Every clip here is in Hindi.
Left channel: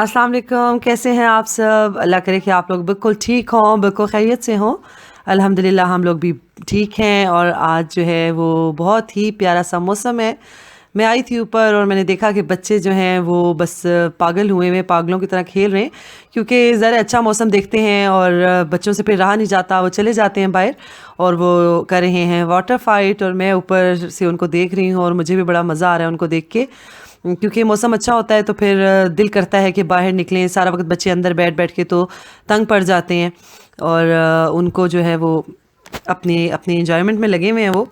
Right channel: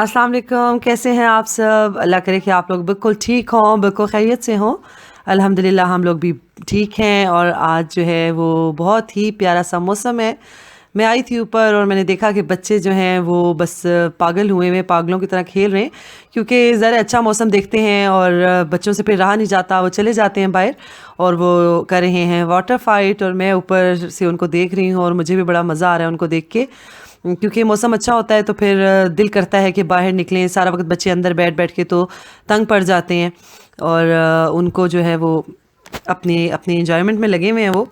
अस्सलाम वालेकुम, कैसे हैं आप सब? अल्लाह करे कि आप लोग बिल्कुल ठीक हों, बिल्कुल खैरियत से हों। अल्हम्दुलिल्लाह हम लोग भी ठीक हैं और आज जो है वो बहुत ही प्यारा सा मौसम है। मैं आई थी ऊपर और मैंने देखा कि बच्चे जो हैं वो बस पागल हुए हुए पागलों की तरह खेल रहे हैं क्योंकि ज़रा अच्छा मौसम देखते हैं और बच्चों से फिर रहा नहीं जाता, वो चले जाते हैं बाहर और वो कर रहे हैं वाटर फाइट और मैं ऊपर से उनको देख रही हूँ और मुझे भी बड़ा मज़ा आ रहा है उनको देख के। क्योंकि मौसम अच्छा होता है तो फिर दिल करता है कि बाहर निकलें। सारा वक्त बच्चे अंदर बैठ बैठ के तो तंग पड़ जाते हैं और उनको जो है वो अपने अपने एंजॉयमेंट में लगे हुए हैं वो।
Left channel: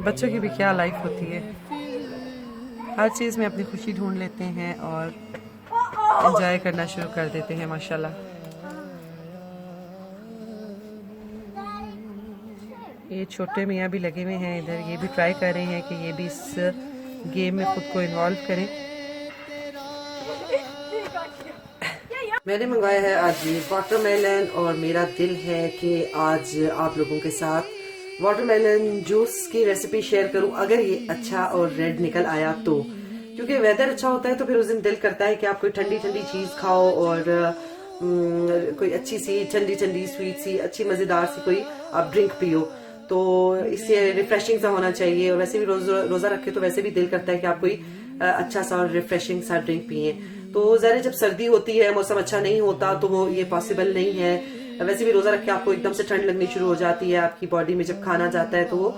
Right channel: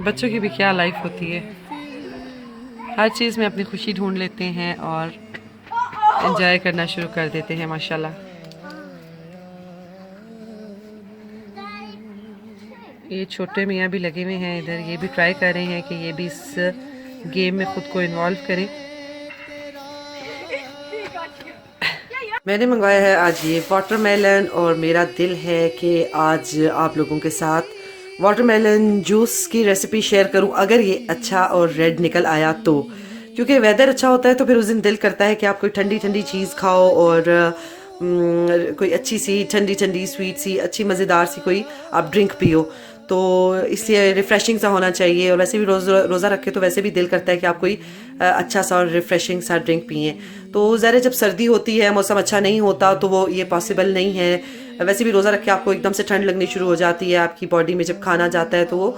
बच्चों की भी क्या लाइफ होती है, हर चीज़ में अपनी खुशी ढूंढ लेते हैं और एंजॉय करना शुरू कर देते हैं माशाल्लाह। ये छोटे मियाँ भी लगे हुए हैं इधर, ये भी ट्राई कर रहे हैं कि ये भी इस गेम में खुद को इन्वॉल्व करें। मैंने मंगवाया है आज ये वाटरमेलन और मेरा दिल है कि आज आप लोगों के साथ वाटरमेलन जूस की रेसिपी शेयर करूं, अगर ये अच्छा और रेड निकल आया तो। क्योंकि वेदर अच्छा होता है तो फिर उस दिन दिल करता है कि आप कोई ठंडी ठंडी चीज़ खाओ और कोई अच्छी सी ठंडी ठंडी स्वीट सी अच्छी मज़ेदार सी कोई आप ड्रिंक पियो। तो इससे रिफ़्रेशिंग सा होना चाहिए और वैसे भी रोज़ा रखे तो वैसे भी दिल करता है कि आप कोई अच्छा सा और रिफ़्रेशिंग सा ड्रिंक पिए। तो ज़रा जब सर्दी होती है, मौसम अच्छा नहीं होता तो वो ये पॉसिबल नहीं है। वैसे भी रोज़ा रख के आपको एकदम से ठंड लगनी शुरू हो जाती है आपकी बॉडी में जब खाना जाता है तो वो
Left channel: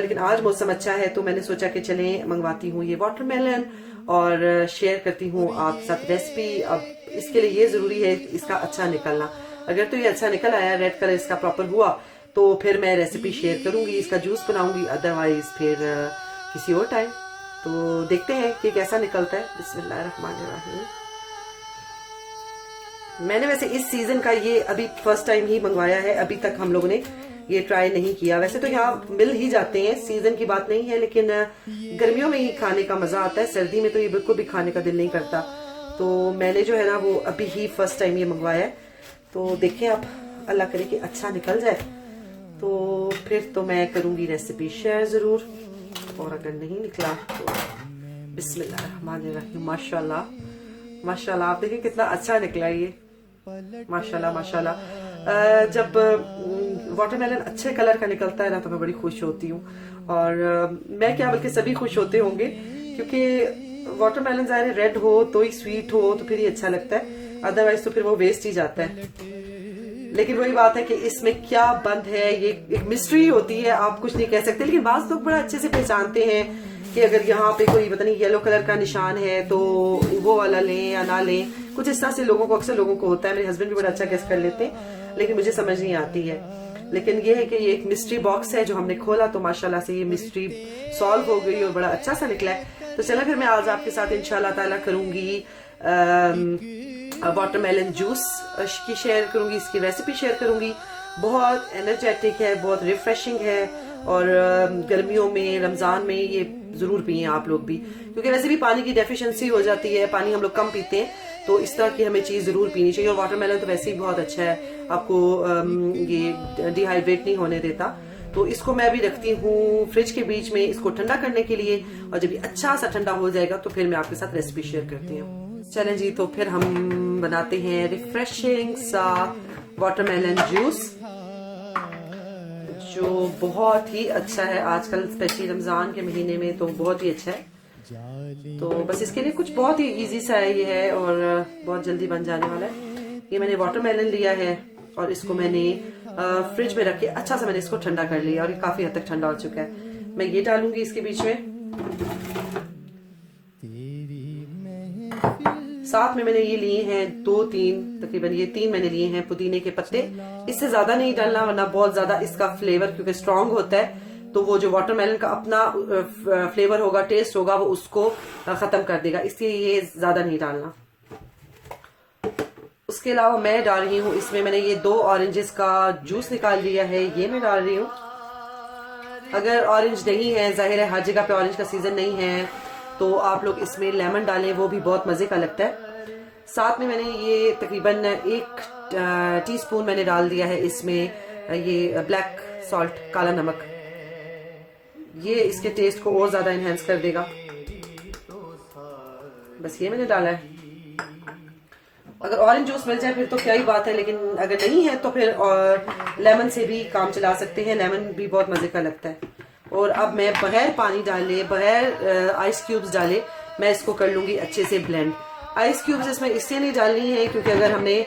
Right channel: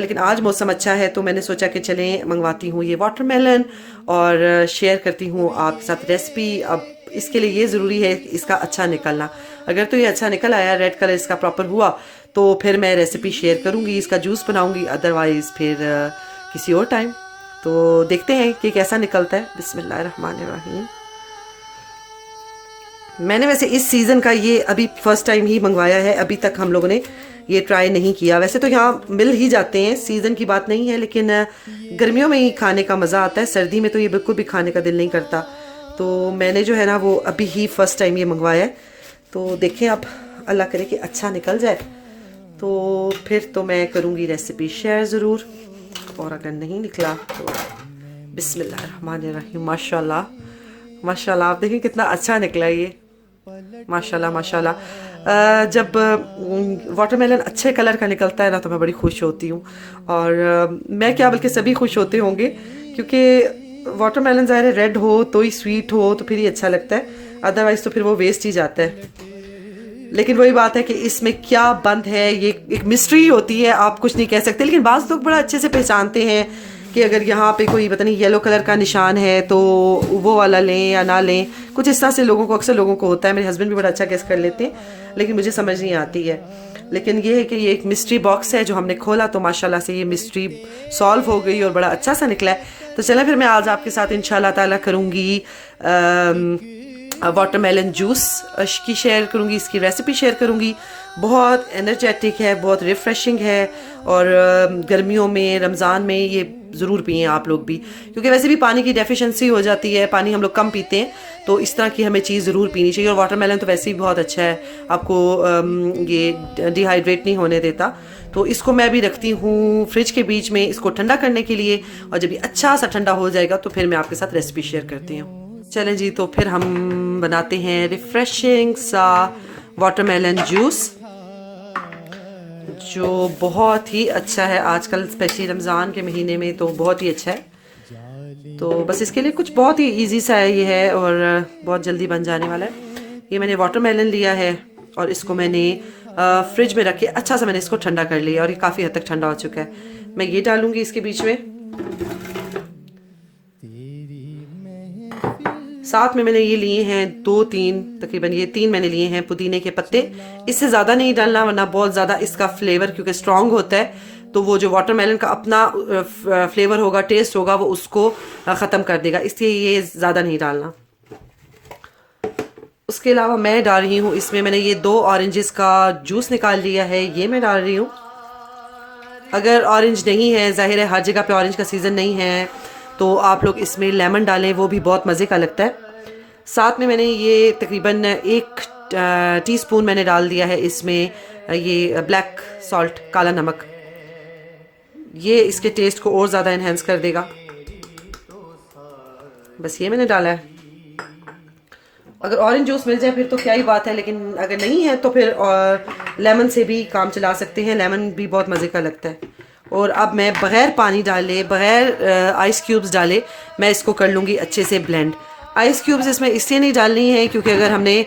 लेकिन आज मौसम अच्छा है तो मैंने सोचा कि चलें मंगवाती हूँ ये वाटरमेलन और शेयर करती हूँ आपके साथ रेसिपी। अब इसके लिए ये ज़रूरी है इसका अच्छा निकलना। अगर तो ये अच्छा निकल आया, रेड कलर इसका प्रॉपर हुआ तो फिर मैं रेसिपी शेयर करूँगी, इसका जूस बनाऊँगी, अदरवाइज़ फिर किसी और टाइम। तो देखते हैं कि कैसा निकलता है। बिस्मिल्लाहिर्रहमानिर्रहीम। मैंने वैसे इस सीज़न का ये अभी फर्स्ट टाइम ही मंगवाया है, अभी तक हम लोगों ने ये ट्राई नहीं किया। वैसे तो यहाँ मिल ही जाते हैं, सीज़न की बात नहीं है, लेकिन गर्मियों में ही खाने का मज़ा आता है, सर्दी में तो ये बिल्कुल भी खाने का दिल नहीं करता। तो मैंने जो है ना वो अभी ही फर्स्ट टाइम ये मंगवाया है। तो देखें आप, अल्लाह करे कि अच्छा निकल जाए तो फिर तो मैं करूँगी रेसिपी शेयर ज़रूर, और अगर नहीं निकला तो बिस्मिल्लाहिर्रहमानिर्रहीम। माशाल्लाह माशाल्लाह, आप देखिए कितना अच्छा निकला ये, माशाल्लाह माशाल्लाह। जब वाटरमेलन अच्छे कलर का निकलता है ना तो मैं बड़ी खुश होती हूँ और मैं क्या बल्कि सभी खुश होते होंगे, क्योंकि वाटरमेलन ज़ाहिर है रेड हो तो ही स्वीट हो तो फिर ही अच्छा लगता है, अदरवाइज़ तो फिर वो वेस्ट ही जाता है। लेकिन वही बात है कि इसमें क्या बंद है, ये एक मिस्ट्री होती है, आप कुछ नहीं कह सकते। लेकिन बाज़ लोग बड़ा अच्छे से पहचानते हैं कि अगर यहाँ पे कोई पता नहीं येलो कलर का निशान है तो वो वाला लें या ना लें, कुछ इस तरह से लोगों को, अक्सर लोगों को होता है। मेरे हस्बैंड भी बड़ा अच्छा गेस कर लेते हैं, लेकिन मुझे समझ नहीं आती है। लेकिन ये है कि ये एक मिस्ट्री बॉक्स है जो हमने खोला तो माशाल्लाह से ये मिस्ट्री सॉल्व हो गई और बड़ा अच्छा सा निकला है। तो चलें फिर मैं आज आपके साथ इंशाल्लाह ताला करूँगी वाटरमेलन जूस की शेयर करूँगी, इसकी रेसिपी शेयर करूँगी। बहुत एनर्जेटिक है, बहुत रिफ़्रेशिंग है और गर्मियों में, रमज़ान में ये ज़रूर पिएं आप लोग भी, क्योंकि वैसे भी पानी की डेफिशिएंसी हो जाती है, पानी हम लोग कम पीते हैं, तो इस तरह की हमें चीज़ ज़रूर पीनी चाहिए। और वाटरमेलन तो वैसे ही बहुत अच्छा है, आपको ये डिहाइड्रेट नहीं होने देता। तो इसको मैं अभी रखती हूँ फ्रिज के बीच में इसको ठंडा करने के लिए, और जब ये अच्छा सा ठंडा हो जाएगा तो फिर मैं आपके साथ रेसिपी शेयर करती हूँ। चलें जी, तो फिर हम बनाते हैं रिफ़्रेशिंग सा वाटरमेलन जूस जो बहुत ही अच्छा है आजकल, स्पेशली रमज़ान के महीने में तो बहुत ही अच्छा है। तो बस इसके लिए कुछ बहुत ही इजी सा है ये है और बहुत जल्दी बन जाने वाला है। ये मैंने वाटरमेलन लिया है और इसको मैंने फ्रिज में रख के अच्छा सा मैंने इसको ठंडा कर लिया और ये काफ़ी हद तक ठंडा हो चुका है। मैं ये डालूंगी इसके बीच में, साथ में मैंने ये लिए हैं तकरीबन ये 3 मैंने लिए हैं पुदीने के पत्ते। इससे ज़्यादा नहीं डालना वरना बहुत ज़्यादा इसका फ्लेवर क्योंकि स्ट्रॉन्ग होता है तो वो जो वाटरमेलन का अपना फ्लेवर होगा, टेस्ट होगा, वो उसको ख़त्म कर देगा, इसलिए ये ज़्यादा नहीं डालना। उसके अलावा मैं डाल रही हूँ इसमें, मैंने ये 2 ऑरेंजेस का जूस निकाल लिया है, ये मैं डाल रही हूँ। अगर ऑरेंज नहीं है, जाहिर है हर जगह पे ऑरेंज का सीज़न नहीं है, तो आप लोग इसमें लेमन डालें, वो भी बहुत मज़े का लगता है। साथ में मैंने ये तकरीबन 1 टीस्पून मैंने डाल दिया है इसमें ये ब्लैक सॉल्ट, काला नमक। ये इसके टेस्ट को और ज़्यादा इन्हेंस कर देगा। बस ये मैंने डाला है। अगर ऑरेंज जूस मिल जाए फिर तो क्या ही बात है, लेकिन अगर नहीं है तो फिर लेमन से भी काम चला सकते हैं। लेमन भी बहुत मज़े का लगता है। और अब मैं बग़ैर पानी डाले, बग़ैर आइस क्यूब्स डाले, मैं इसको कर लूँगी अच्छे से ब्लेंड। आइस क्यूब्स इसमें इसलिए नहीं डालनी है क्योंकि अगर हमने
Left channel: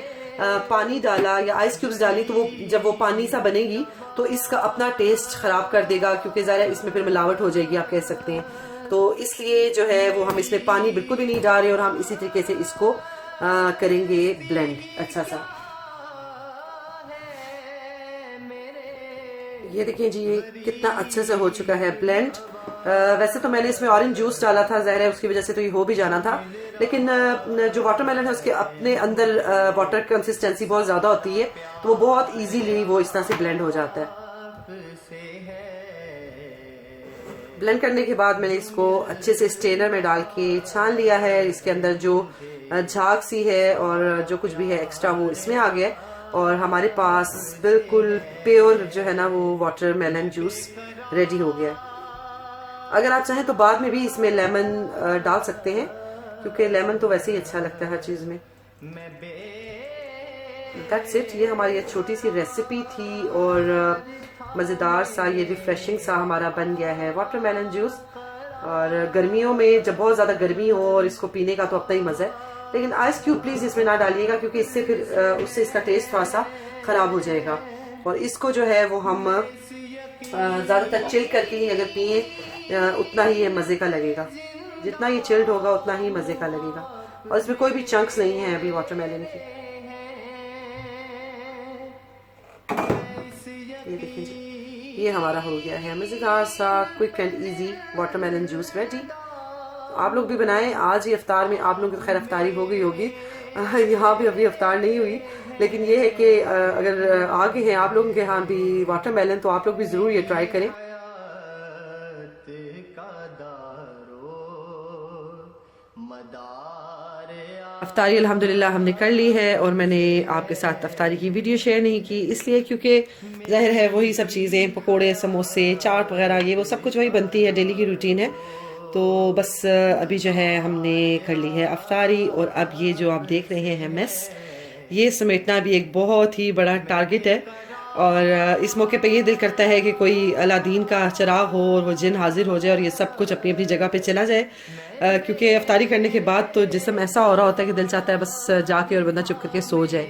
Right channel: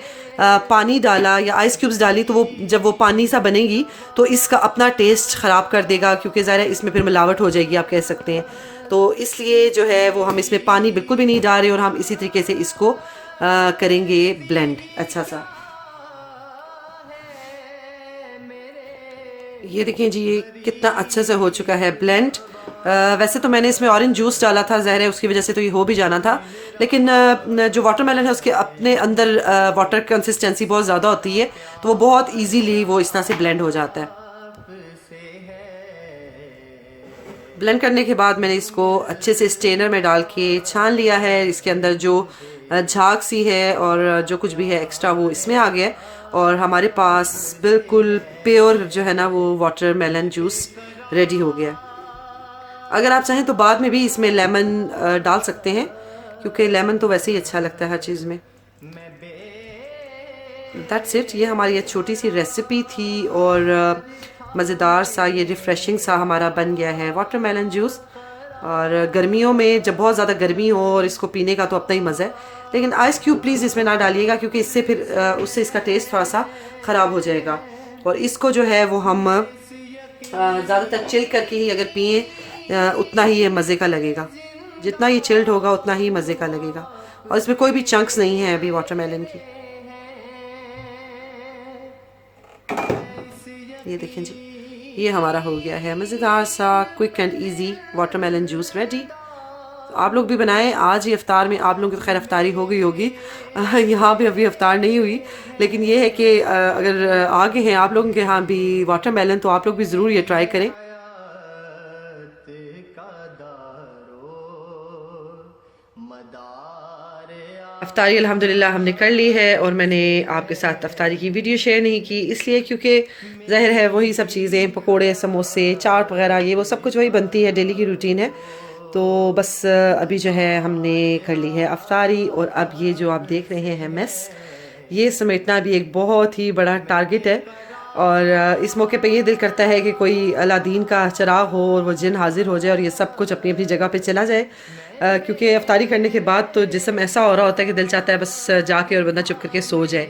पानी डाला या आइस क्यूब्स डाली तो वो जब वो पानी सा बनेगी तो इसका अपना टेस्ट ख़राब कर देगा, क्योंकि ज़रा इसमें फिर मिलावट हो जाएगी, आप कह सकते हैं। तो इसलिए जो है वो हम इसमें पानी बिल्कुल भी नहीं डाल रहे और हम इसी तरीके से इसको करेंगे ब्लेंड अच्छा सा। ये देखें जी, ये कितना अच्छे से हो चुका है ब्लेंड। वैसे तो मैंने इसमें ऑरेंज जूस डाला था, ज़ाहिर है उसकी वजह से तो ये हो भी जाना था, लेकिन जो वाटरमेलन है उसके अपने अंदर वाटर कंसिस्टेंसी बहुत ज़्यादा होती है, तो वो बहुत इजीली वो इस तरह से ब्लेंड हो जाता है। ब्लेंड करने के बाद मैंने इसको अच्छे से स्ट्रेनर में डाल के छान लिया है। इसके अंदर जो झाग सी है और जो कुछ भी है एक्स्ट्रा वो इसमें आ गया, और हमारे पास बिल्कुल प्योर जो है ना वो वाटरमेलन जूस रेडी हो गया। अगर आप चाहें तो बाद में भी इसमें लेमन डाल सकते हैं, क्योंकि लेमन तो वैसे ही अच्छा लगता है हर चीज़ में। That's it. ये हमारी एक छोटी सी रेसिपी थी और मज़ेदार सा, ये रिफ़्रेशिंग सा हमारा बन गया है वाटरमेलन जूस। और गर्मियों में जब बहुत ज़्यादा गर्मी हो और इसको पीने का तो अपना ही मज़ा है, लेकिन आइस क्यूब प्लीज़ इसमें ना डालिएगा, क्योंकि इससे फिर उससे इसका टेस्ट थोड़ा सा ख़राब हो जाएगा। और इसको जो है वो हम ज़्यादातर चिल करके ही अगर पिए उतना ही ये मज़े का लगेगा। जितना ये चिल्ड होगा उतना ही मज़े का लगेगा। और इसमें कोई भी चंक्स नहीं है अभी वाटरमेलन की। ये देखें जी, ये हमारा हो गया है मज़ेदार सा quick and easy watermelon juice ready. आप लोग भी बनाएं। आज ही इफ्तार में आप लोगों की खैर इफ्तारी हो गई होगी, यहाँ भी अभी इफ्तार नहीं हुई, लेकिन ये है कि अगर आगे हैं आप लोगों के यहाँ भी वाटरमेलन तो आप लोग भी ज़रूर ये ट्राई करें। अफ्तारी अल्हम्दुलिल्लाह हमने कर ली है, और मैंने आपके साथ अफ्तारी की वीडियो शेयर नहीं की इसलिए क्योंकि ज़ाहिर है वही सब चीज़ें, पकोड़े, समोसे, चाट वगैरह, ये वो सब कुछ वही बनती है, डेली की रूटीन है। तो बस अभी जो है हमने कर ली है अफ्तारी, और अब ये जो आप देख रहे हैं मेस, ये समेटना भी एक बहुत ही बड़ा टारगेट है। और इस मौके पे ये दिल करता है कि कोई अलादीन का चिराग हो और वो जिन हाजिर हो जाए और ये सब कुछ अपनी अपनी जगह पे चला जाए, क्योंकि अफ्तारी करने के बाद तो जिस्म ऐसा हो रहा होता है कि दिल चाहता है बस जाके और बंदा चुप करके सो जाए,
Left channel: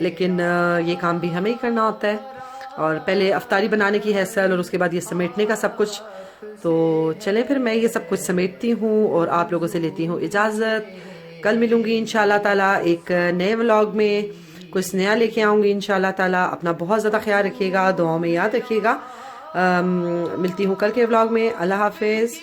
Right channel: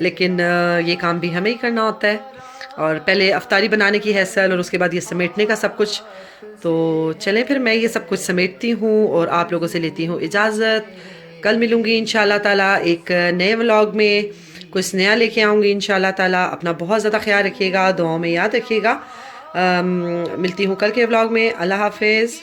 लेकिन ये काम भी हमें ही करना होता है। और पहले अफ्तारी बनाने की है सल, और उसके बाद ये समेटने का सब कुछ। तो चलें फिर मैं ये सब कुछ समेटती हूँ और आप लोगों से लेती हूँ इजाज़त। कल मिलूँगी इंशाल्लाह ताला एक नए व्लॉग में, कुछ नया लेके आऊँगी इंशाल्लाह ताला। अपना बहुत ज़्यादा ख्याल रखिएगा, दुआओं में याद रखिएगा। मिलती हूँ कल के व्लॉग में। अल्लाह हाफिज़।